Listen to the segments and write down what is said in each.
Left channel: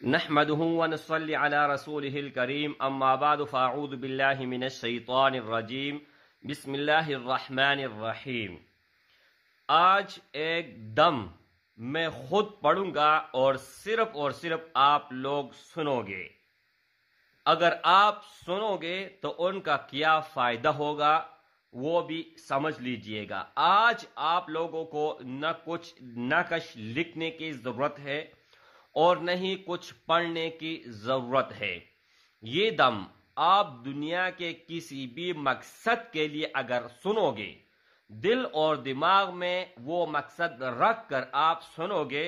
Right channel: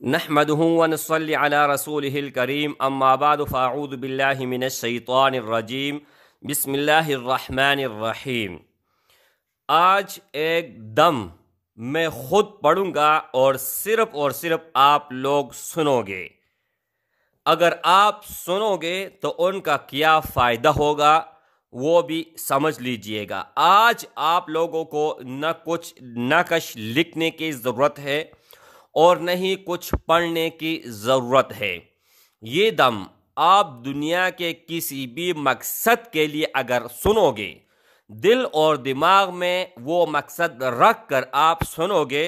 نحمده ونصلي على رسوله الكريم اما بعد فاعوذ بالله من الشیطان الرجیم بسم اللہ الرحمن الرحیم۔ آج ایک دم میں خود پڑھوں گا اور صرف آپ لوگ سنو گے۔ اگر آپ سنو گے تو ان کا کیا فائدہ ہوگا وہ بھی سمجھ لیجئے گا۔ آج آپ لوگوں کو نہ کچھ نقش لکھنے کی ضرورت ہے اور نہیں کچھ پڑھنے کی ضرورت ہے۔ یہ دم آپ دنیا کے کسی بھی مقصد کے لیے اگر سنو گے، دل اور دماغ میں وہ مقصد رکھ کر آپ سنو گے،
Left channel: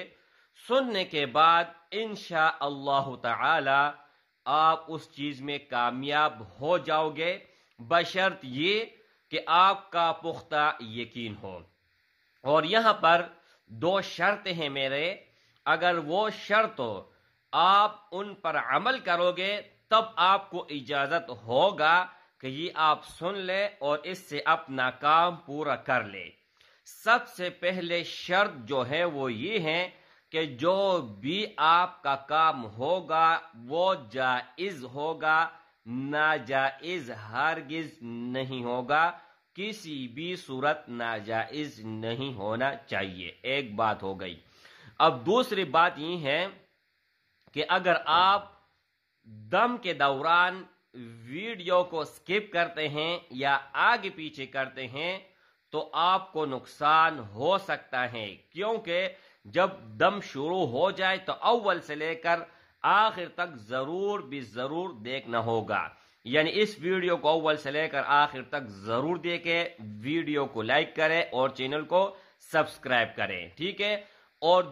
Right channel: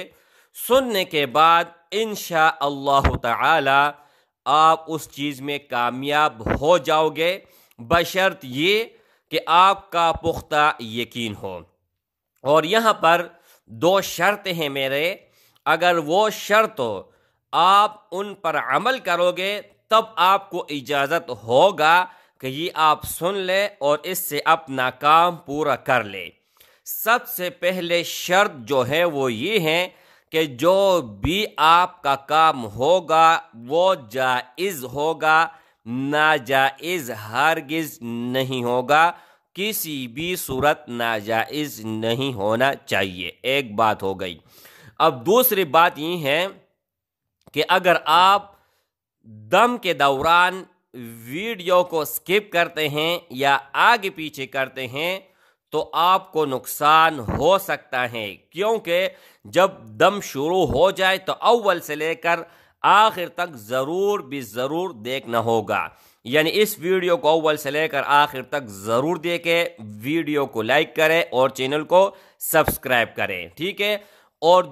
سننے کے بعد انشاءاللہ تعالی آپ اس چیز میں کامیاب ہو جاؤ گے، بشرط یہ کہ آپ کا پختہ یقین ہو۔ اور یہاں پر دو شرطیں ہیں میرے، اگر وہ شرط آپ ان پر عمل کرو گے تب آپ کو اجازت ہوگا کہ یہ آپ سن لے اور اس سے اپنا کام پورا کر لے۔ سب سے پہلے شرط جو ہے وہ یہ ہے کہ جو بھی آپ کا کام ہوگا وہ جائز ہوگا، ناجائز ہرگز نہیں ہوگا، کسی بھی صورت ناجائز نہیں ہونا چاہیے۔ ایک بات ہو گئی۔ اب دوسری بات یہ ہے کہ اگر آپ دم کے دوران ویڈیو کو سکپ کرتے ہیں یا آگے پیچھے کرتے ہیں تو آپ کو نقصان ہو سکتا ہے، کیونکہ جب دم شروع ہو جائے تو اول سے لے کر آخر تک ضرور دیکھنا ہوگا۔ یعنی اس ویڈیو کو اول سے لے کر آخر تک ضرور دیکھیں، ویڈیو کو لائک کریں اور چینل کو سبسکرائب کریں، ٹھیک ہے؟ اور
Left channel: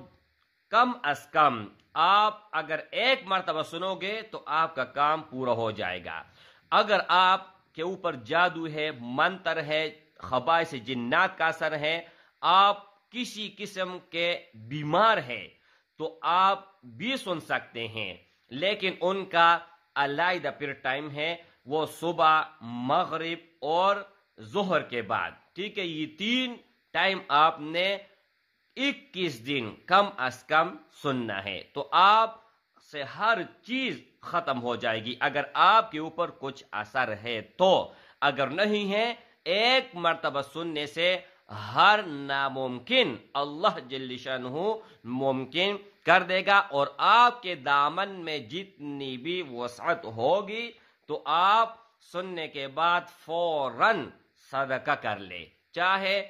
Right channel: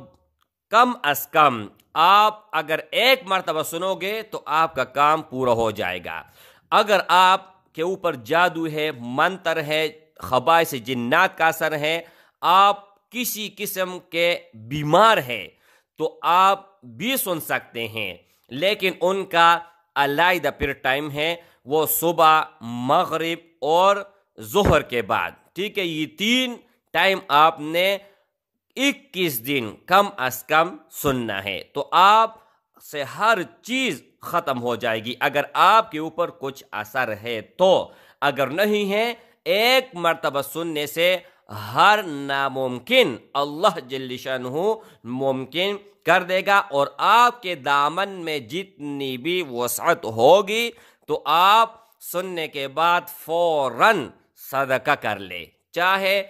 کم از کم آپ اگر ایک مرتبہ سنو گے تو آپ کا کام پورا ہو جائے گا۔ اگر آپ کے اوپر جادو ہے، منتر ہے، خبائث جنات کا اثر ہے، آپ کسی قسم کے بیمار ہیں تو آپ بھی سن سکتے ہیں، لیکن ان کا علیحدہ پھر ٹائم ہے، وہ صبح، مغرب اور ظہر کے بعد، ٹھیک ہے؟ یہ تین ٹائم آپ نے 21 دن کم از کم سننا ہے تو آپ سے ہر چیز ختم ہو جائے گی، اگر آپ کے اوپر کچھ اثر ہے تو۔ اگر نہیں ہے، ایک مرتبہ سننے سے ہر ناممکن اللہ جل شانہ ممکن کر دے گا، اور آپ کے دامن میں جتنی بھی وسعت ہوگی تو آپ سننے کے بعد فوراً صدقہ کر لے، چاہے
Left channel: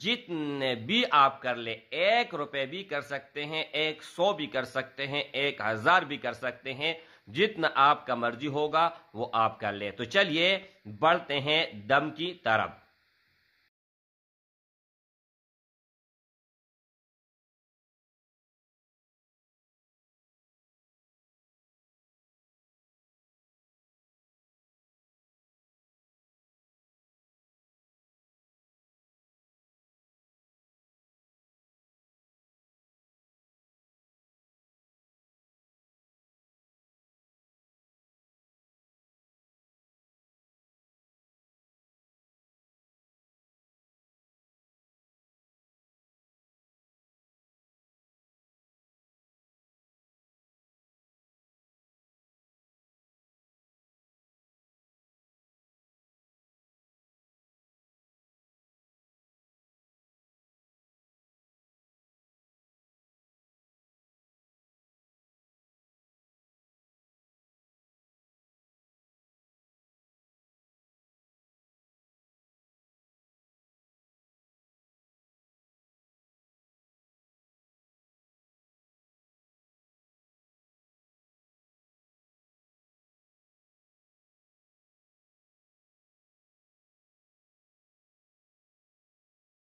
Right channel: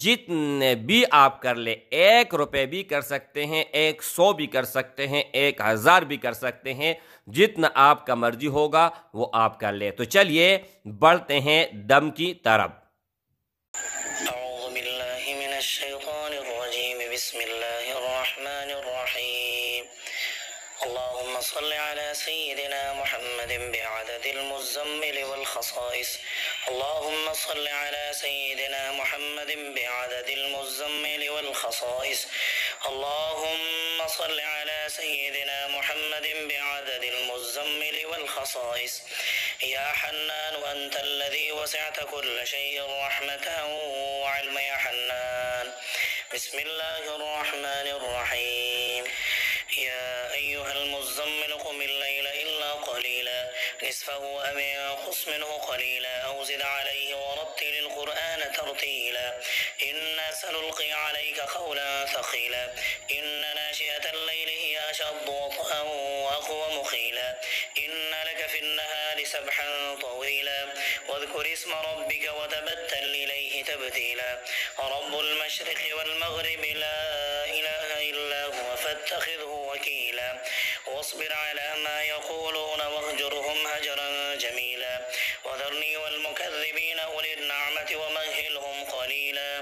جتنے بھی آپ کر لیں، 1 روپے بھی کر سکتے ہیں، 100 بھی کر سکتے ہیں، 1000 بھی کر سکتے ہیں، جتنا آپ کا مرضی ہوگا وہ آپ کر لیں۔ تو چلیے بڑھتے ہیں دم کی طرف۔ اعوذ باللہ من الشیطان الرجیم بسم اللہ الرحمن الرحیم اللهم صل على سيدنا محمد بعدد المزمل والخصائص اللهم صل على سيدنا محمد بعدد المزمل والخصائص اللهم صل على سيدنا محمد بعدد المزمل والخصائص يا حنان أنت الذي وسعت كل شيء رحمة وعلم يا حنان بسم الله الرحمن الرحيم يا أيها المزمل قم الليل إلا قليلا نصفه أو انقص منه قليلا أو زد عليه ورتل القرآن ترتيلا إنا سنلقي عليك قولا ثقيلا إن ناشئة الليل هي أشد وطئا وأقوم قيلا إن لك في النهار سبحا طويلا واذكر اسم ربك وتبتل إليه تبتيلا رب المشرق والمغرب لا إله إلا هو فاتخذه وكيلا واصبر على ما يقولون واهجرهم هجرا جميلا وذرني والمكذبين أولي النعمة ومهلهم قليلا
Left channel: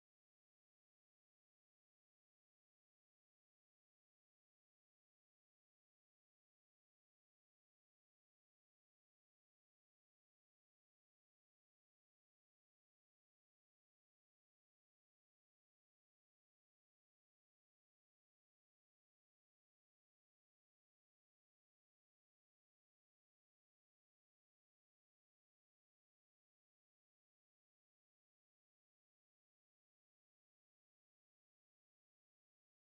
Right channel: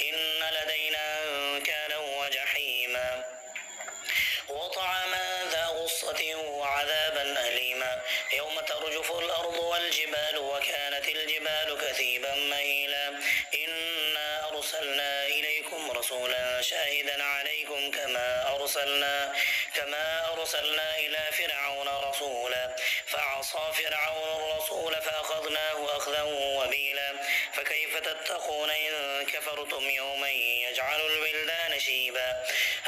إن لدينا أنكالا وجحيما وطعاما ذا غصة وعذابا أليما يوم ترجف الأرض والجبال وكانت الجبال كثيبا مهيلا إنا أرسلنا إليكم رسولا شاهدا عليكم كما أرسلنا إلى فرعون رسولا فعصى فرعون الرسول فأخذناه أخذا وبيلا فكيف تتقون إن كفرتم يوما يجعل الولدان شيبا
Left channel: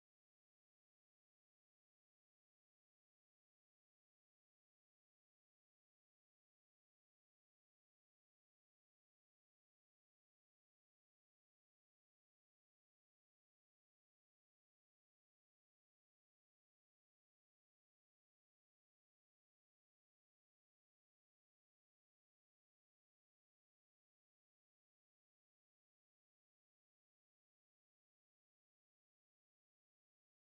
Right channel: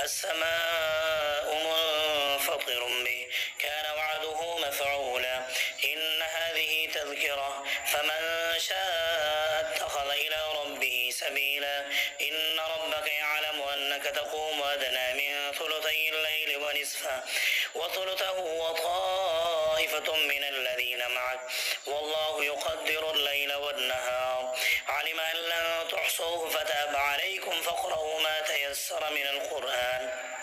السماء منفطر فطر به كان وعده مفعولا إن هذه تذكرة فمن شاء اتخذ إلى ربه سبيلا إن ربك يعلم أنك تقوم أدنى من ثلثي الليل ونصفه وثلثه وطائفة من الذين معك والله يقدر الليل والنهار علم أن لن تحصوه فتاب عليكم فاقرؤوا ما تيسر من القرآن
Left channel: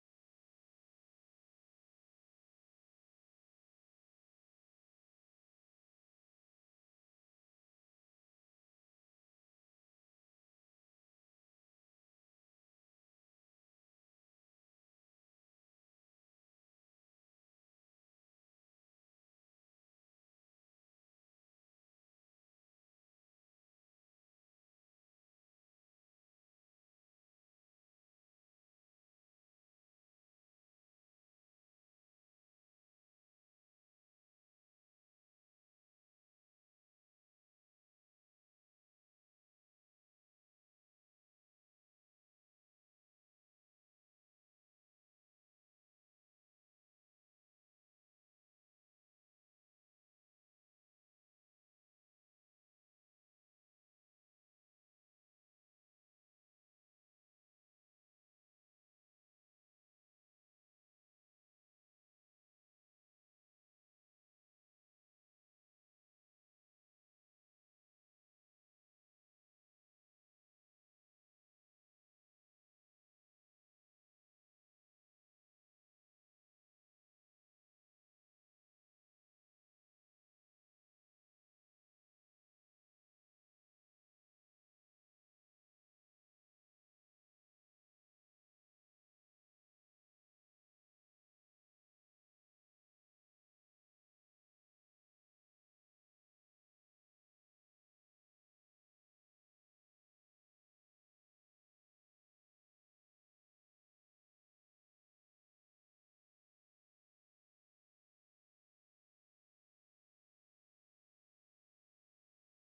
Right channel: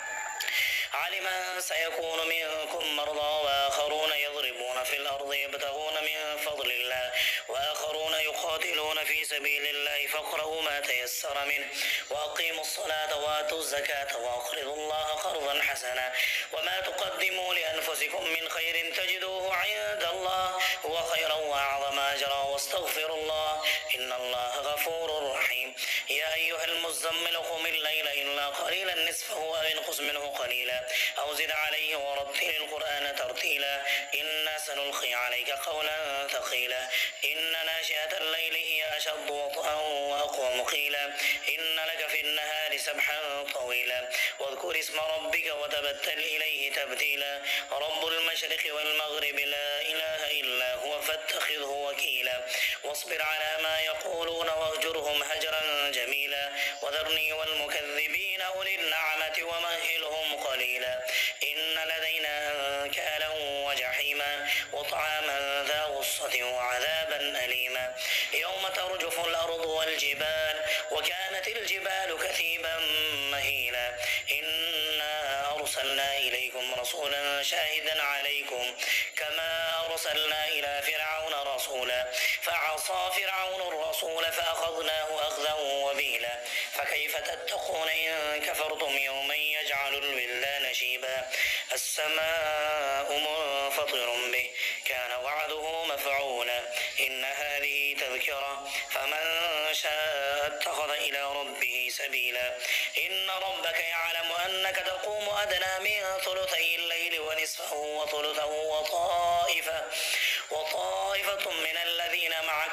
علم أن سيكون منكم مرضى وآخرون يضربون في الأرض يبتغون من فضل الله وآخرون يقاتلون في سبيل الله فاقرؤوا ما تيسر منه وأقيموا الصلاة وآتوا الزكاة وأقرضوا الله قرضا حسنا وما تقدموا لأنفسكم من خير تجدوه عند الله هو خيرا وأعظم أجرا واستغفروا الله إن الله غفور رحيم يا أيها المزمل قم الليل إلا قليلا نصفه أو انقص منه قليلا أو زد عليه ورتل القرآن ترتيلا إنا سنلقي عليك قولا ثقيلا إن ناشئة الليل هي أشد وطئا وأقوم قيلا إن لك في النهار سبحا طويلا واذكر اسم ربك وتبتل إليه تبتيلا رب المشرق والمغرب لا إله إلا هو فاتخذه وكيلا واصبر على ما يقولون واهجرهم هجرا جميلا وذرني والمكذبين أولي النعمة ومهلهم قليلا إن لدينا أنكالا وجحيما وطعاما ذا غصة وعذابا أليما يوم ترجف الأرض والجبال وكانت الجبال كثيبا مهيلا إنا أرسلنا إليكم رسولا شاهدا عليكم كما أرسلنا إلى فرعون رسولا فعصى فرعون الرسول فأخذناه أخذا وبيلا فكيف تتقون إن كفرتم يوما يجعل الولدان شيبا السماء منفطر به كان وعده مفعولا إن هذه تذكرة فمن شاء اتخذ إلى ربه سبيلا إن ربك يعلم أنك تقوم أدنى من ثلثي الليل ونصفه وثلثه وطائفة من الذين معك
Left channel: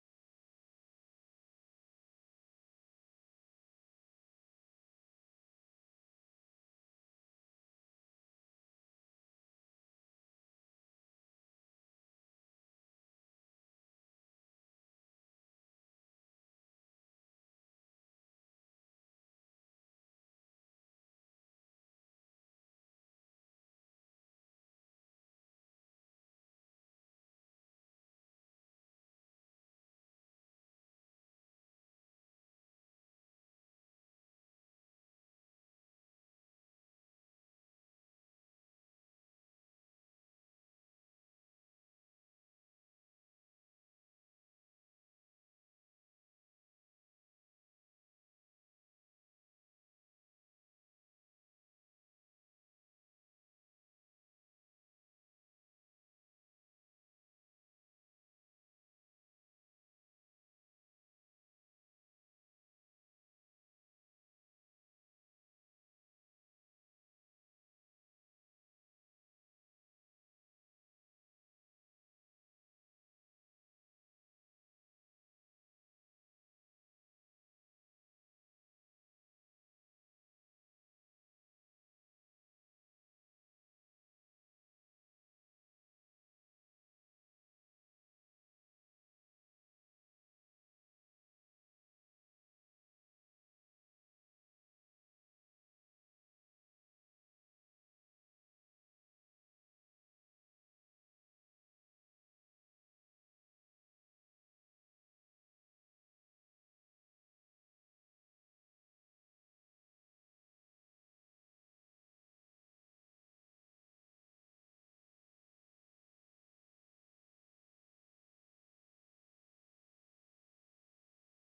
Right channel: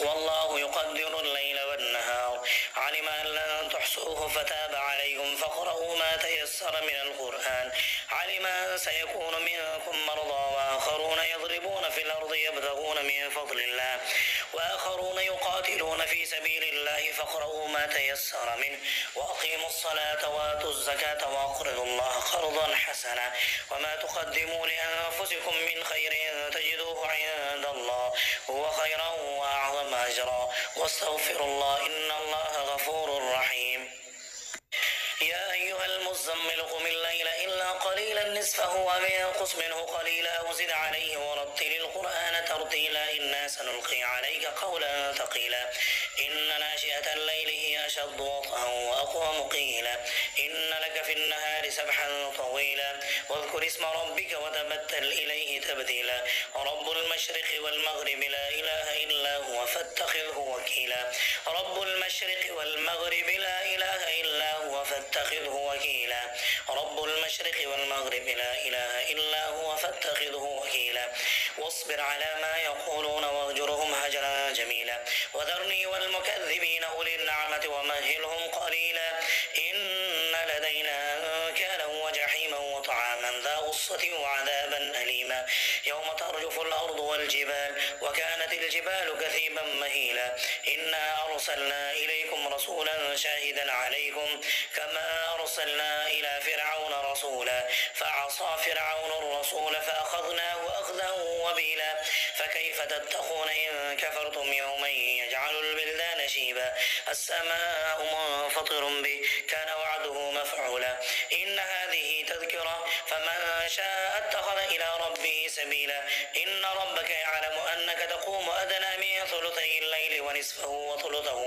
والله يقدر الليل والنهار علم أن لن تحصوه فتاب عليكم فاقرؤوا ما تيسر من القرآن علم أن سيكون منكم مرضى وآخرون يضربون في الأرض يبتغون من فضل الله وآخرون يقاتلون في سبيل الله فاقرؤوا ما تيسر منه وأقيموا الصلاة وآتوا الزكاة وأقرضوا الله قرضا حسنا وما تقدموا لأنفسكم من خير تجدوه عند الله هو خيرا وأعظم أجرا واستغفروا الله إن الله غفور رحيم يا أيها المزمل قم الليل إلا قليلا نصفه وانقص منه قليلا أو زد عليه ورتل القرآن ترتيلا إنا سنلقي عليك قولا ثقيلا إن ناشئة الليل هي أشد وطئا وأقوم قيلا إن لك في النهار سبحا طويلا واذكر اسم ربك وتبتل إليه تبتيلا رب المشرق والمغرب لا إله إلا هو فاتخذه وكيلا رب المشرق والمغرب لا إله إلا هو فاتخذه وكيلا رب المشرق والمغرب لا إله إلا هو فاتخذه وكيلا واصبر على ما يقولون واهجرهم هجرا جميلا وذرني والمكذبين أولي النعمة ومهلهم قليلا إن لدينا أنكالا وجحيما وطعاما ذا غصة وعذابا أليما يوم ترجف الأرض والجبال وكانت الجبال كثيبا مهيلا إنا أرسلنا إليكم رسولا شاهدا عليكم كما أرسلنا إلى فرعون رسولا فعصى فرعون الرسول فأخذناه أخذا وبيلا فكيف تتقون إن كفرتم يوما يجعل البلدان شيبا السماء منفطر به كان وعده مفعولا إن هذه تذكرة فمن شاء اتخذ إلى ربه سبيلا إن ربك يعلم أنك تقوم أدنى من ثلثي الليل ونصفه وثلثه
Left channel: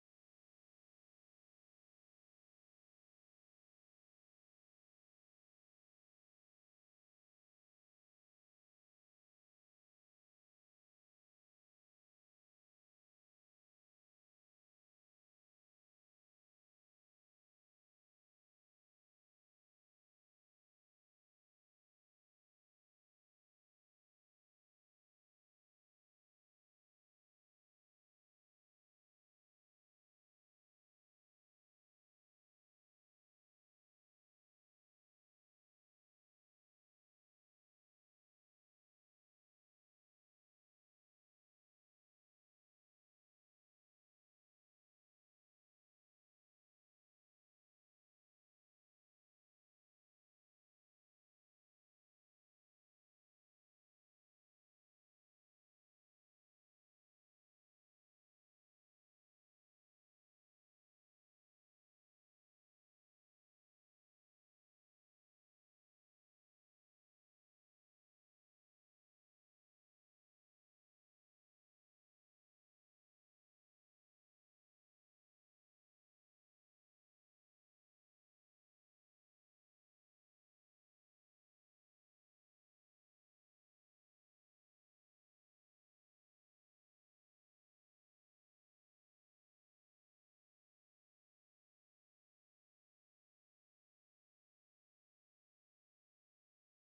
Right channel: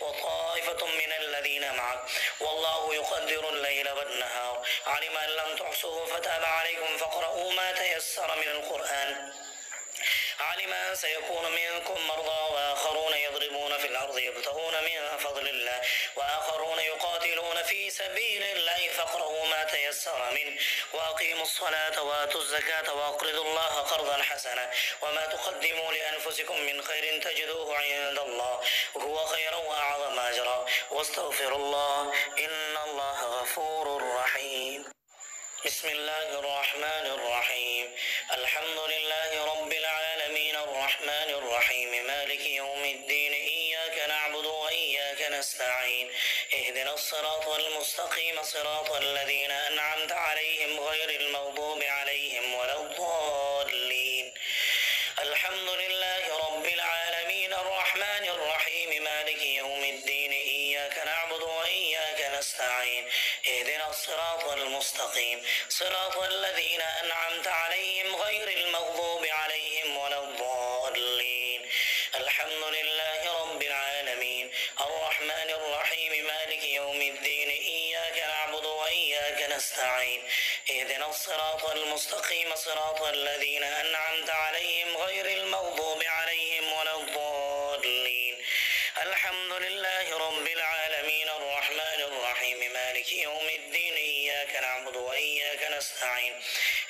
وطائفة من الذين معك والله يقدر الليل والنهار علم أن لم تحصوه فتاب عليكم فاقرؤوا ما تيسر من القرآن علم أن سيكون منكم مرضى وآخرون يضربون في الأرض يبتغون من فضل الله وآخرون يقاتلون في سبيل الله فاقرؤوا ما تيسر منه وأقيموا الصلاة وآتوا الزكاة وأقرضوا الله قرضا حسنا وما تقدموا لأنفسكم من خير تجدوه عند الله هو خيرا وأعظم أجرا واستغفروا الله إن الله غفور رحيم بسم الله الرحمن الرحيم. الحمد لله رب العالمين الرحمن الرحيم مالك يوم الدين إياك نعبد وإياك نستعين اهدنا الصراط المستقيم صراط الذين أنعمت عليهم غير المغضوب عليهم ولا الضالين. الحمد لله رب العالمين الرحمن الرحيم مالك يوم الدين إياك نعبد وإياك نستعين اهدنا الصراط المستقيم صراط الذين أنعمت عليهم غير المغضوب عليهم ولا الضالين. الحمد لله رب العالمين الرحمن الرحيم مالك يوم الدين إياك نعبد وإياك نستعين اهدنا الصراط المستقيم صراط الذين أنعمت عليهم غير المغضوب عليهم ولا الضالين. الحمد لله رب العالمين الرحمن الرحيم مالك يوم الدين إياك نعبد وإياك نستعين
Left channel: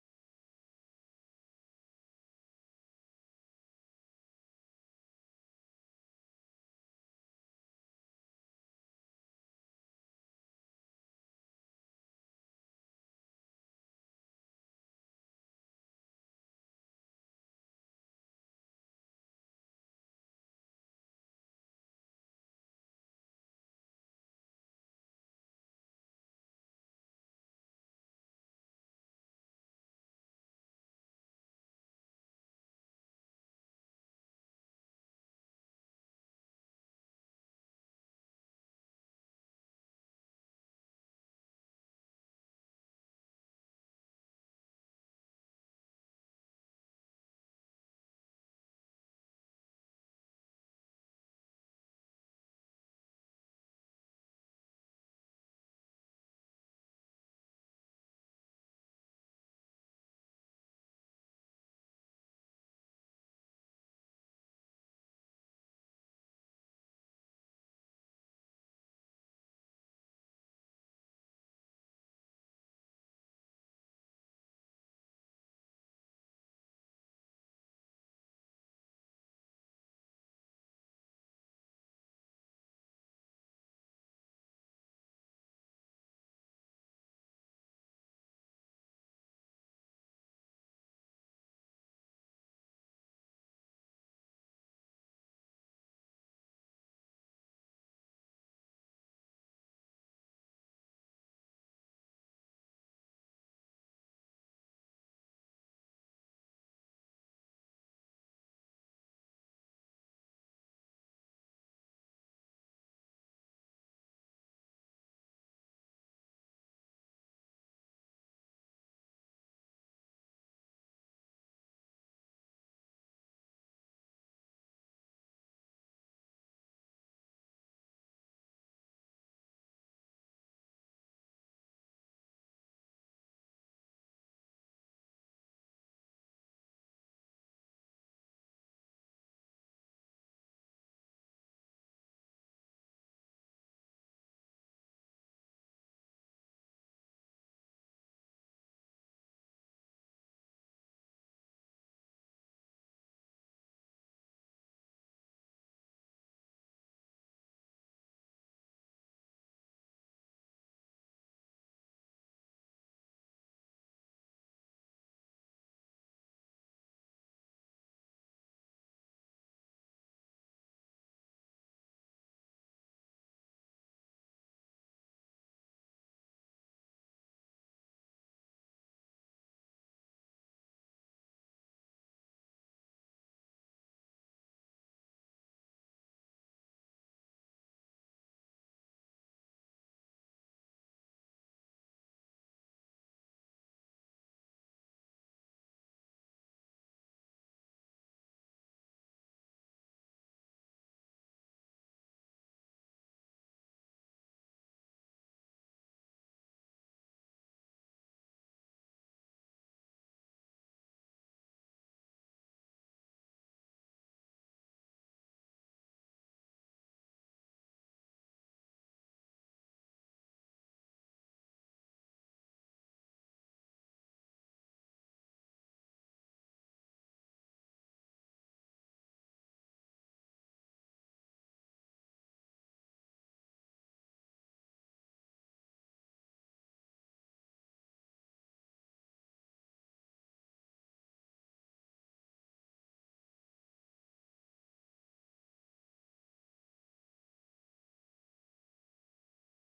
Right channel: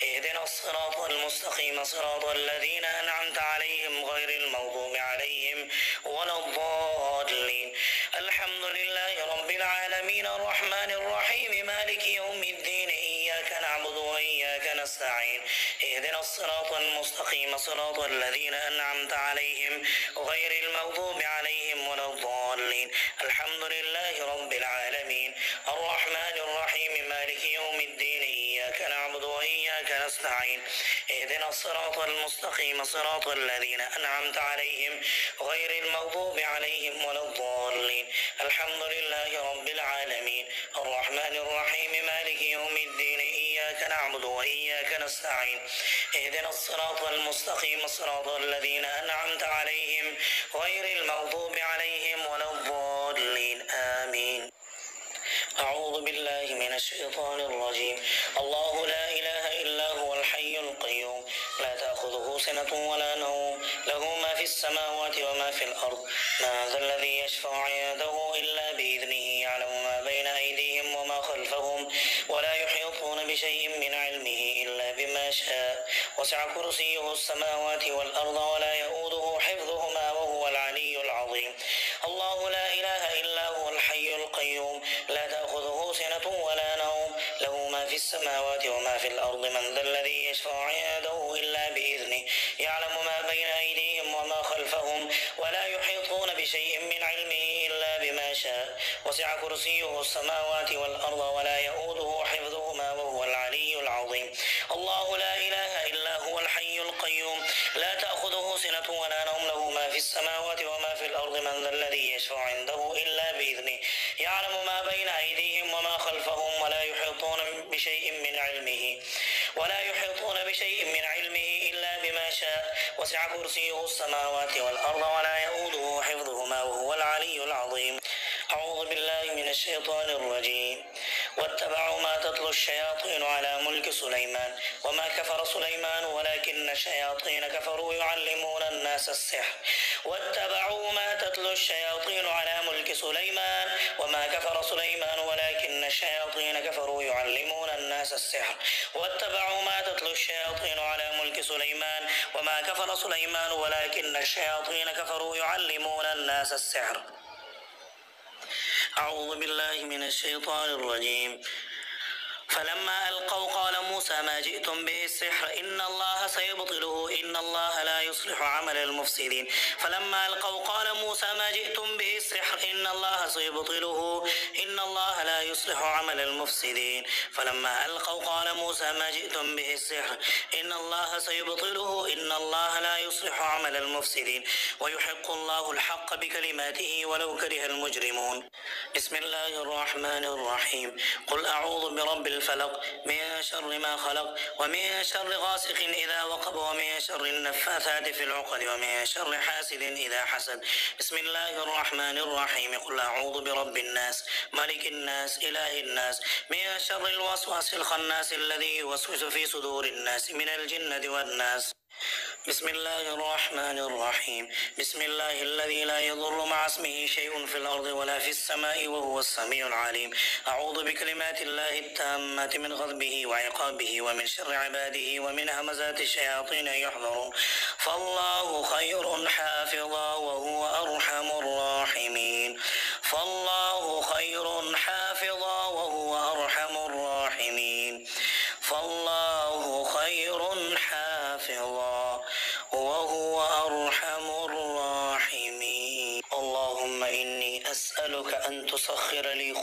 اهدنا الصراط المستقيم صراط الذين أنعمت عليهم غير المغضوب عليهم ولا الضالين. الحمد لله رب العالمين الرحمن الرحيم مالك يوم الدين إياك نعبد وإياك نستعين اهدنا الصراط المستقيم صراط الذين أنعمت عليهم غير المغضوب عليهم ولا الضالين. الحمد لله رب العالمين الرحمن الرحيم مالك يوم الدين إياك نعبد وإياك نستعين اهدنا الصراط المستقيم صراط الذين أنعمت عليهم غير المغضوب عليهم ولا الضالين. الحمد لله رب العالمين الرحمن الرحيم مالك يوم الدين إياك نعبد وإياك نستعين اهدنا الصراط المستقيم صراط الذين أنعمت عليهم غير المغضوب عليهم ولا الضالين. آمين. أعوذ بالله من الشيطان الرجيم. الله لا إله إلا هو الحي القيوم لا تأخذه سنة ولا نوم له ما في السماوات وما في الأرض ما ذا الذي يشفع عنده إلا بإذنه يعلم ما بين أيديهم وما خلفهم ولا يحيطون بشيء من علمه إلا بما شاء وسع كرسيه السماوات والأرض ولا يؤوده حفظهما وهو العلي العظيم. الله لا إله إلا هو الحي القيوم لا تأخذه سنة ولا نوم له ما في السماوات وما في الأرض من ذا الذي يشفع عنده إلا بإذنه يعلم ما بين أيديهم وما خلفهم ولا يحيطون بشيء من علمه إلا بما شاء وسع كرسيه السماوات والأرض ولا يؤوده حفظهما وهو العلي العظيم. الله لا إله إلا هو الحي القيوم لا تأخذه سنة ولا نوم له ما في السماوات وما في الأرض من ذا الذي يشفع عنده إلا بإذنه يعلم ما بين أيديهم وما خلفهم ولا يحيطون بشيء من علمه إلا بما شاء وسع كرسيه السماوات والأرض ولا يؤوده حفظهما وهو العلي العظيم. أعوذ بالله من الشيطان الرجيم. واتبعوا ما تتلو الشياطين على ملك سليمان وما كفر سليمان ولكن الشياطين كفروا يعلمون الناس السحر. واتبعوا ما تتلو الشياطين على ملك سليمان وما كفر سليمان ولكن الشياطين كفروا يعلمون الناس السحر. واتبعوا ما تتلو الشياطين على ملك سليمان وما كفر سليمان ولكن الشياطين كفروا يعلمون الناس السحر. أعوذ بالله من الشيطان الرجيم. فلما ألقوا قال موسى ما جئتم به السحر إن الله سيبطله إن الله لا يصلح عمل المفسدين. فلما ألقوا قال موسى ما جئتم به السحر إن الله سيبطله إن الله لا يصلح عمل المفسدين. فلما ألقوا قال موسى ما جئتم به السحر إن الله سيبطله إن الله لا يصلح عمل المفسدين ويحق الله الحق بكلماته ولو كره المجرمون. بسم الله الرحمن الرحيم. قل أعوذ برب الفلق من شر ما خلق ومن شر غاسق إذا وقب ومن شر النفاثات في العقد ومن شر حاسد إذا حسد. بسم الله الرحمن الرحيم. قل أعوذ برب الناس ملك الناس إله الناس من شر الوسواس الخناس الذي يوسوس في صدور الناس من الجنة والناس. بسم الله الرحمن الرحيم. بسم الله الذي لا يضر مع اسمه شيء في الأرض ولا في السماء وهو السميع العليم. أعوذ بكلمات الله التامات من غضبه وعقابه ومن شر عباده ومن همزات الشياطين يحضرون. فالله خير حافظا وهو أرحم الراحمين. فالله خير حافظا وهو أرحم الراحمين. أسألك أن تسخر لي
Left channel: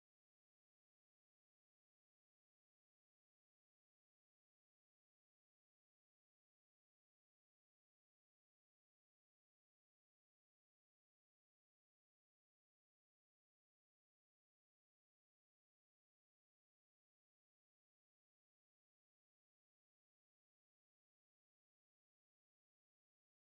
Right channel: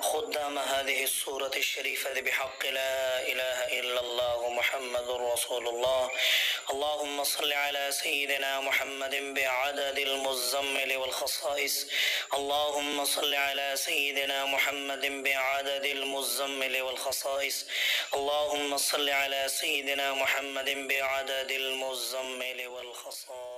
خدام هذه السورة الشريفة بحق لا إله إلا الله محمد رسول الله. اللهم صل على سيدنا محمد بعدد المزمل والخصائص. اللهم صل على سيدنا محمد بعدد المزمل والخصائص. اللهم صل على سيدنا محمد بعدد المزمل والخصائص.